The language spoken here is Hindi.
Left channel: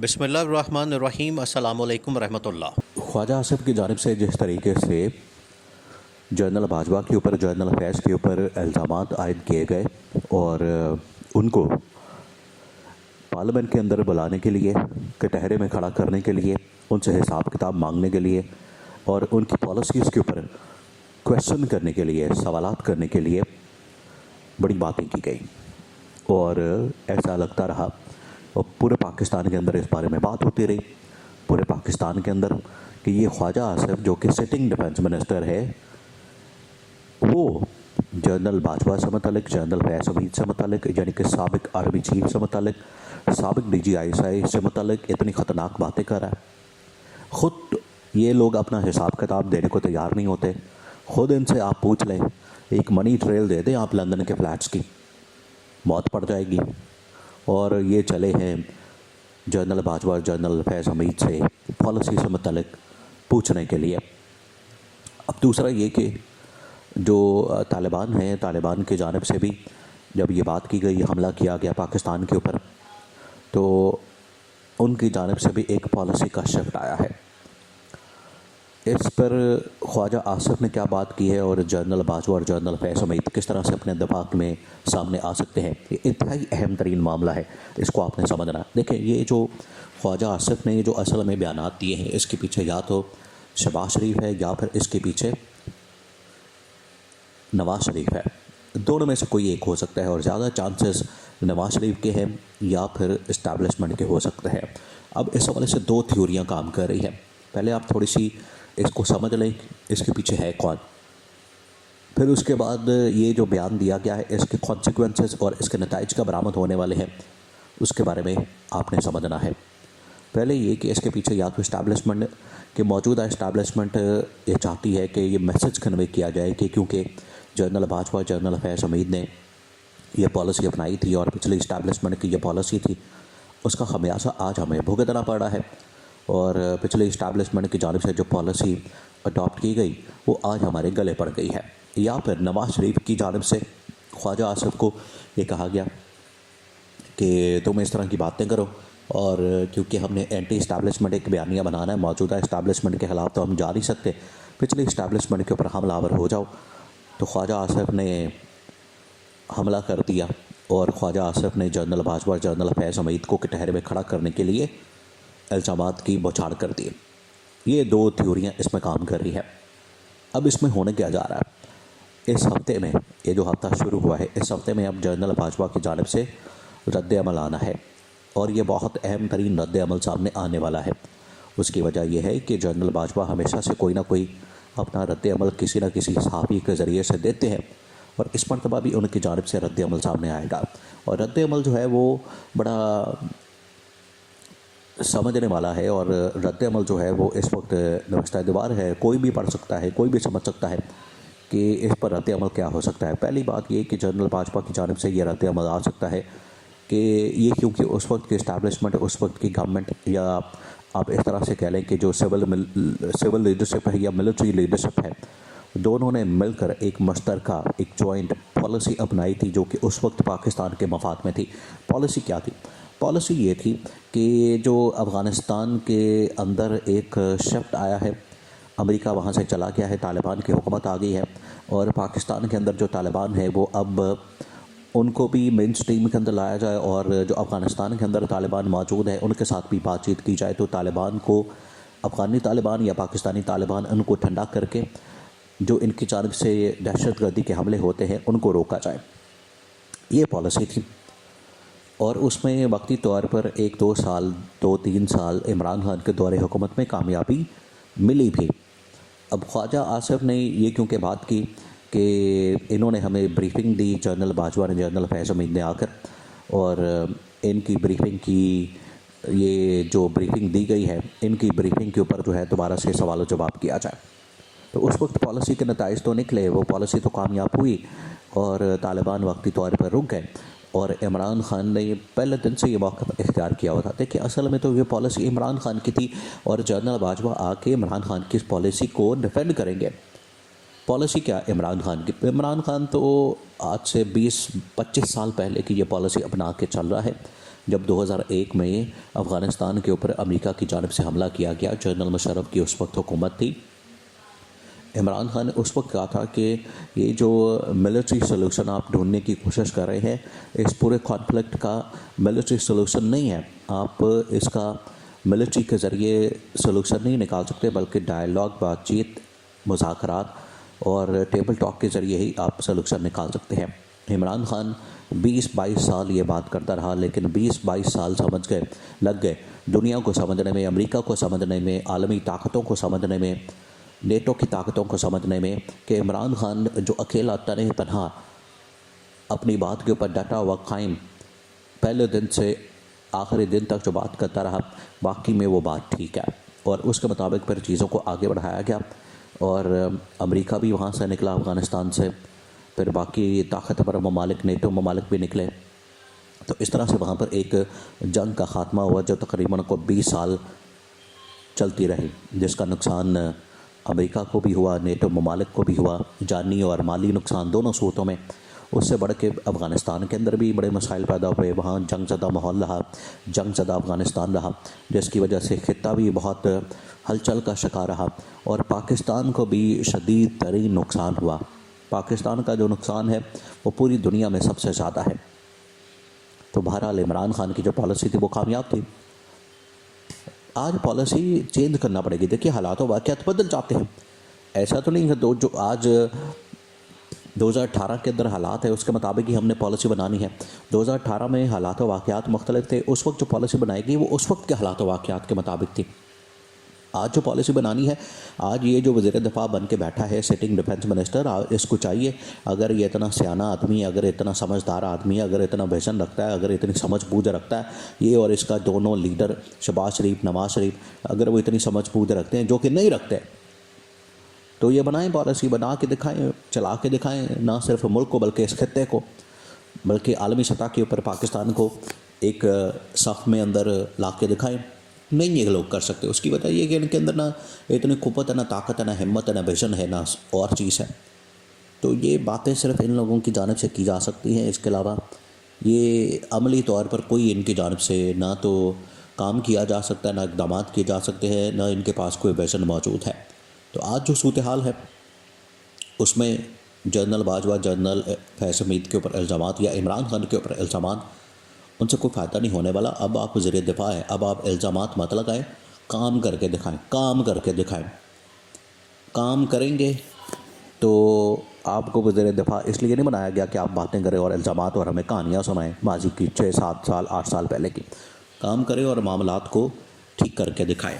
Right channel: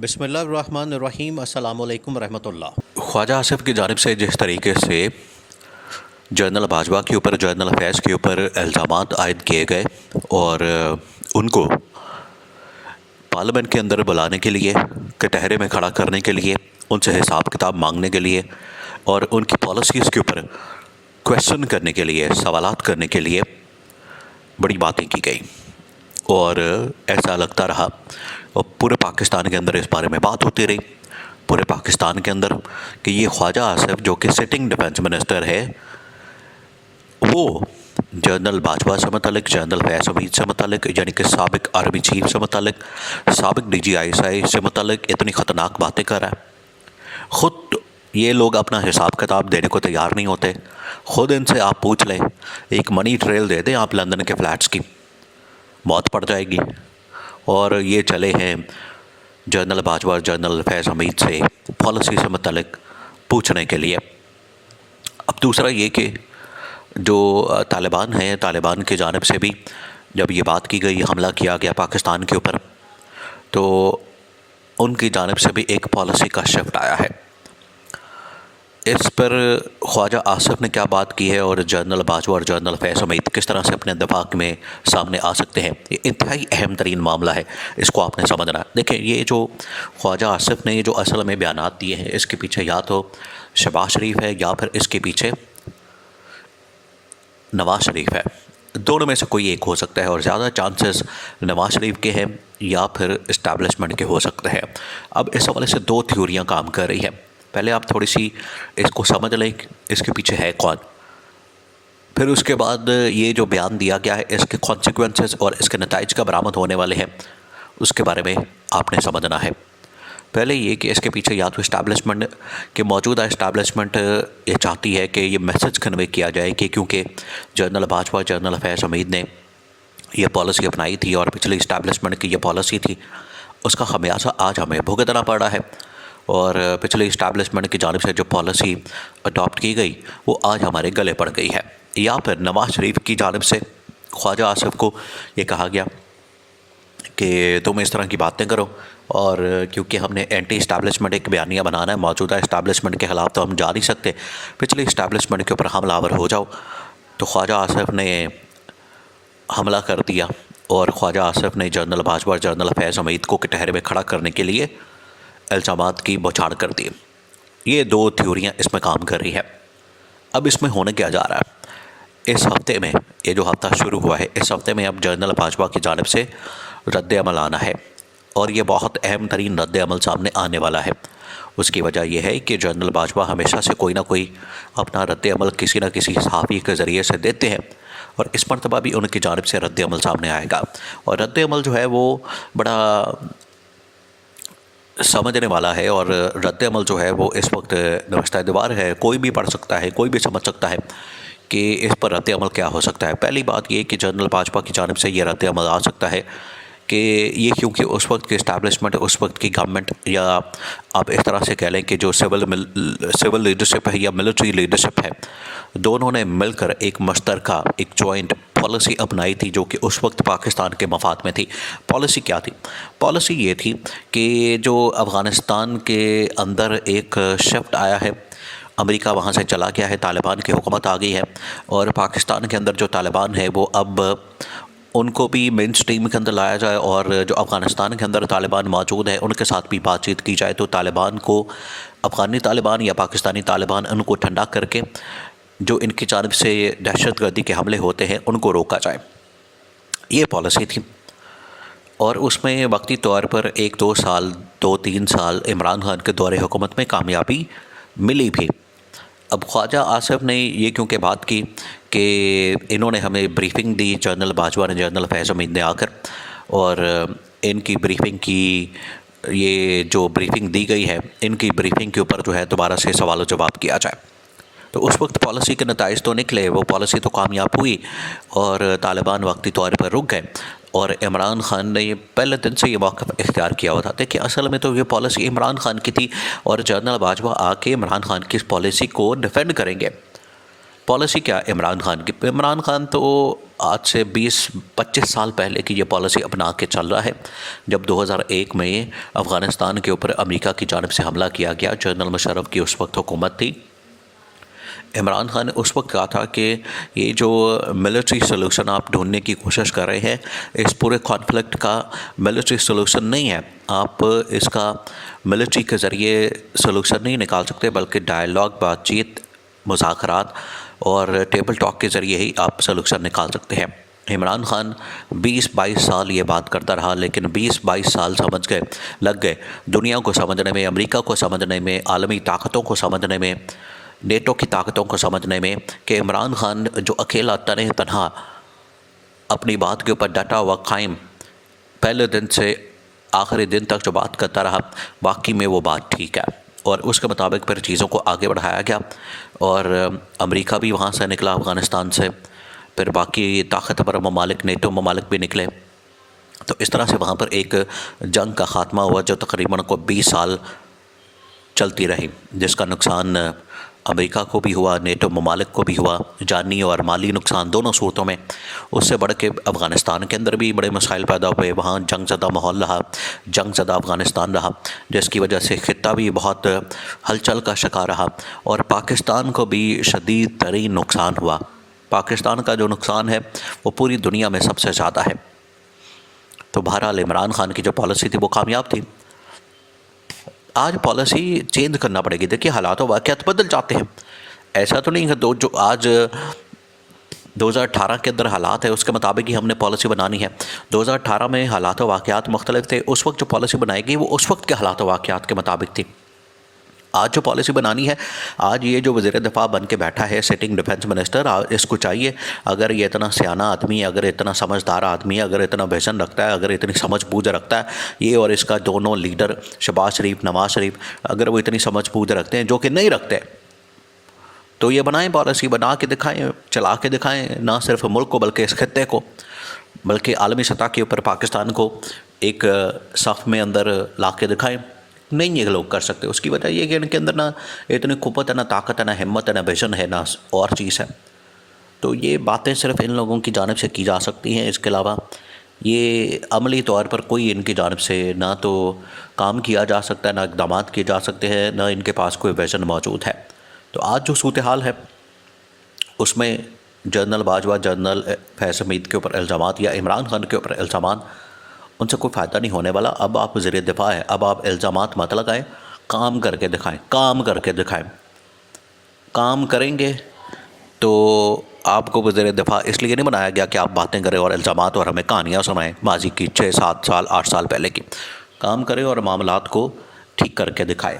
बिस्मिल्लाहिर्रहमानिर्रहीम अस्सलामु अलैकुम रहमतुल्लाह। ख्वाजा आसिफ की जानिब से जिस तरीके से जनरल बाजवा के ऊपर, जनरल फैज़ के ऊपर इल्ज़ामात आयद किए गए और उनको पार्लियामेंट के अंदर बुलाने के लिए, कटहरे में खड़ा करने के लिए, उनसे हिसाब किताब मांगने के लिए और उनकी पॉलिसीज़ के ऊपर क्वेश्चन करने के लिए, सवालात करने के लिए बड़ी बातें की गई और ऐसा लगता रहा और पूरे पाकिस्तान के अंदर इस बारे में बात होती रही, पूरे पाकिस्तान के अंदर, कि ये ख्वाजा आसिफ जो कि सिटिंग डिफेंस मिनिस्टर है, वो जनरल बाजवा से मुतल्लिक, जनरल फैज़ हमीद से मुतल्लिक, यानी कि साबिक आर्मी चीफ से मुतल्लिक, साबिक DGI से मुतल्लिक इतनी ख़तरनाक बातें कर रहा है। ख़ुद ये लोग अपना हिसाब किताब देने को तैयार नहीं होते। ख़ुद इनसे आप पूछ लें, एक मनी ट्रेल दे दें आप लंदन के फ़्लैट्स की, मौत पड़ जाएगी। और ये चले हैं जनरल बाजवा, जनरल फैज़ हमीद से पॉलिसी से मुतल्लिक पूछने के लिए। अब दूसरा ये कि जो तालिबान है, तालिबान की जानिब से भी जब ये बात की गई, हमला किया गया पाकिस्तान के ऊपर, तो उनकी जानिब से भी एक पॉलिसी का शिफ्ट आया है। इस पर ख्वाजा आसिफ ने क्या बात की है और जनरल बाजवा और जनरल फैज़ हमीद किस तरह से अपने दिफाक में सामने आ सकते हैं, ये इंतहाई अहम तरीन मामला है, इसको आपने समझना है। देखिए, ये जो ख्वाजा आसिफ ने ये जो असल में बयानात दिए हैं, इसके पीछे या तो शहबाज शरीफ है या फिर इसके पीछे नवाज़ शरीफ है। दोनों में से कोई एक हो सकता है और ज़्यादा चांसेस नवाज़ शरीफ के हैं या फिर इस्टेब्लिशमेंट के हो सकते हैं। अब इस हवाले से दो थ्योरियाँ काम कर रही हैं। पहले आप थोड़ी सी इसको समझ लें, इसके पीछे है कौन, फिर उसके बाद ये जो बयान दिया गया है, इसके कॉन्सिक्वेंसेस और इसके नताइज का बरामद होने वाले हैं, उसके बारे में आपने समझना है। पहले ये कि इसके पीछे या तो इस्टेब्लिशमेंट के, मौजूदा इस्टेब्लिशमेंट ये चाहती है कि ये मैसेज कन्वे किया जाए कि क्योंकि जनरल बाजवा, जनरल फैज़ हमीद ने ये पॉलिसी अपनाई थी और पिछले इस्टेब्लिशमेंट की ये पॉलिसी थी, उसका खमियाजा आज हमें भुगतना पड़ा है और पिछले इस्टेब्लिशमेंट की जानिब से जो पॉलिसी अडॉप्ट की गई वो आज हमारे गले पड़ गई है। या फिर नवाज़ शरीफ की जानिब से ख्वाजा आसिफ को ये कहा गया कि तुम इस तरह की बातें करो और क्योंकि हमने एंटी इस्टेब्लिशमेंट एक बयानिया बनाना है, मौजूदा इस्टेब्लिशमेंट के ख़िलाफ़ तो हम जा नहीं सकते, पिछले इस्टेब्लिशमेंट के ऊपर हमलावर हो जाओ। तो ख्वाजा आसिफ ने हमला कर दिया और ख्वाजा आसिफ ने जनरल बाजवा, जनरल फैज़ हमीद को कटहरे में खड़ा करने के लिए इल्ज़ामात की बौछार कर दी। ये दो थ्योरियाँ इसमें काम कर रही है। अब इसमें होने क्या जा रहा है, इस हफ़्ते में, ये जो हफ़्ता शुरू हुआ है, इस हफ़्ते में अब जनरल बाजवा की जानिब से रद्द अमल आना है और ये बहुत अहम तरीन रद्द अमल सामने आने वाला है। उसकी वजह यह है कि जनरल बाजवा हमेशा से कोई ना कोई अपना रद्द अमल किसी न किसी सहाफ़ी के ज़रिए से देते हैं और इस मरतबा भी उनकी जानिब से रद्द अमल सामने आएगा। और रद्द अमल जो है वो बड़ा समझने वाला है और रद्द अमल जो है वो इस वक्त नवस्ता दीवार है, कोई भी पढ़ सकता है, कोई भी समझ सकता है कि इस पर रद्द अमल क्या हो सकता है। पहली बात ये कि जनरल बाजवा की जानिब से ये रद्द अमल आ सकता है कि ये क्योंकि उस वक्त की इस्टेब्लिशमेंट, उस वक्त की गवर्नमेंट, या आप इस तरह से कह लें कि जो सिविल लीडरशिप है या मिलिट्री लीडरशिप है, दोनों ने मिलकर एक मुश्तरका, एक जॉइंट पॉलिसी अपनाई थी जो कि उस वक्त पाकिस्तान के मफाद में थी। पॉलिसी क्या थी? पॉलिसी ये थी कि जो अफ़गानिस्तान के अंदर एक शिफ्ट आया है, अमेरिका वहाँ से चला गया है, तालिबान की हुकूमत आ गई है और पाकिस्तान के अंदर जो तालिबान है वो अब उनको भी मेन स्ट्रीम के अंदर लाया जाए और जो अफ़गानिस्तान के अंदर तालिबान मौजूद है उनके साथ भी बातचीत की जाए, तो तालिबान को, अफ़गानी तालिबान या पाकिस्तानी तालिबान, उनको ठंडा करके जो इनकी जानिब से दहशतगर्दी के हमले होते हैं उनको रोका जाए। ये पॉलिसी थी और उसमें वक्ती तौर पर 1-2 साल, 2-3 साल इमरान खान के दौरे हुकूमत में कामयाबी मिली भी। अब ख्वाजा आसिफ ने ये क्योंकि बात की कि इन्होंने हमें ब्रीफिंग दी, जनरल बाजवा ने, जनरल फैज़ हमीद ने आकर, और इनकी ब्रीफिंग की, ये जो ब्रीफिंग दी गई है, इनकी ब्रीफिंग के ऊपर जो है दोबारा से सवाल जवाब किया जाए। तो उस वक्त पॉलिसी के नताइज तो निकले, वो पॉलिसी तो कामयाब हुई और तालिबान वक्ती तौर पर रुक गए और इमरान खान ने पहले दिन से ये मौक़िफ़ इख्तियार किया हुआ था। देखिए, असल में तो ये पॉलिसी इमरान खान की थी और जनरल बाजवा आके इमरान खान की इस पॉलिसी को डिफेंड करेंगे पॉलिसी क्या इमरान खान की? इमरान खान तो आज से 20-25 साल पहले की ये पॉलिसी अपना के चल रहा है। जब 2001 में अफ़गानिस्तान के ऊपर अमेरिका की जानिब से हमला किया गया, जनरल मुशर्रफ की उस वक्त हुकूमत थी। इमरान खान ने उस वक्त कहा था कि ये जो मिलिट्री सलूशन आप ढूंढने की कोशिश कर रहे हैं, इस पूरे कॉन्फ्लिक्ट का मिलिट्री सलूशन नहीं है, आप इसका मिलिट्री के ज़रिए सलूशन नहीं निकाल सकते, बल्कि डायलॉग, बातचीत, मुज़ाकरात और टेबल टॉक के ज़रिए ही आप सलूशन निकाल सकते हैं। इमरान खान 20-22 साल ये बात करता रहा, लेकिन 20-22 साल लग गए दुनिया को समझने में, अमेरिका को समझने में, आलमी ताकतों को समझने में, नेटो की ताकतों को समझने में कि इमरान खान जो अकेला तनहा अपनी बात के ऊपर डटा हुआ कायम, पहले दिन से आखिरी दिन तक जो बात करता रहा, बाकी में वो बात ठीक है। और उसके मुताबिक फिर चीज़ों को आगे बढ़ाया गया और अमेरिका भी वहाँ से निकला, अफ़गानिस्तान से, फिर बाकी ताकतवर ममालिक, नेटो ममालिक भी निकले। तो इस तरह से वहाँ पर एक जंग का ख़ात्मा हुआ जो तकरीबन को 20 साल चलती रही, जिसका नुकसान अमेरिका को भी हुआ, नेटो ममालिक को भी हुआ, जानी और माली नुकसान दोनों सूरतों में। उससे बढ़ के अफ़गानिस्तान के अंदर भी बड़े मसाइल पैदा हुए, वहाँ जंग ज़दा माहौल रहा, जंग ज़दा अफ़गानिस्तान रहा, जिसकी वजह से ख़ित्ता भी बहुत हलचल का शिकार रहा और पाकिस्तान को भी शदीद तरीन नुकसान हुआ। पाकिस्तान का जो नुकसान है वो पूरी दुनिया में सबसे ज़्यादा है। तो बहरहाल इमरान खान की जो पॉलिसी थी वो कामयाब थी। आज पॉलिसी चेंज करना पड़ेगी। देखिए, हालात वाक़यात बदल जाते हैं, ऐसा तो नहीं है जो आज 2018 के अंदर हालात है उसके मुताबिक ही हमने पॉलिसी बनानी है। 2018 में हालात वाक़यात मुख्तलिफ थे, उस वक्त जो पॉलिसी बनाई गई वो उस वक्त के हालात वाक़यात के मुताबिक थी। आज जो पॉलिसी बनानी है, आज ये जो वज़ीर दिफ़ा बन के बैठा है, सिटिंग डिफेंस मिनिस्टर, इसको चाहिए, अगर ये इतना सियाना आदमी, अगर इतना समझदार आदमी, अगर इतना विजन रखता है, अगर इतनी समझ बूझ रखता है, ये और इसका दोनों लीडर शहबाज शरीफ, नवाज़ शरीफ, अगर वो इतनी समझ बूझ रखते हैं, जो कि नहीं रखते, तो ये बनाएं पॉलिसी, बना के दिखाएं, चला के दिखाएं, ना सिर्फ मुल्क को बल्कि इस खित्ते को, बल्कि आलमी सतह के ऊपर पाकिस्तान को एक सफ़ में अंदर ला के दिखाएं। नहीं ये लोग कर सकते। उसकी वजह ये कि इनके अंदर ना इतनी कुव्वत है, ना ताकत है, ना हिम्मत है, ना विजन है, ना और चीज़ है। तो ये बातें सिर्फ इन लोगों की जानिब से की जा सकती हैं। इसके अलावा ये अमली तौर पर कोई इनकी जानिब से ना तो काम किया जा सकता है, ना इक़दाम किए जा सकते हैं, ना इनके पास कोई विजन मौजूद है। तो आज जो सूरत हाल है उसमें जनरल बाजवा, जनरल फैज़ हमीद के ऊपर इल्ज़ामात या इमरान खान के ऊपर इल्ज़ामात, उनसे कोई फ़ायदा नहीं होने वाला। अब आप वज़ीर दिफ़ा है, अब आप इल्ज़ामात मत लगाएं, काम करके दिखाएं, काम करके दिखाएं। काम करेंगे तो आपको वज़ीर दिफ़ा इसलिए नहीं बनाया गया कि आप बातें करें और इल्ज़ामात और हमें कहानियाँ सुनाएं माजी की 6-7 साल 8 साल पहले की। काम करें और मामलात को ठीक करके दिखाएं।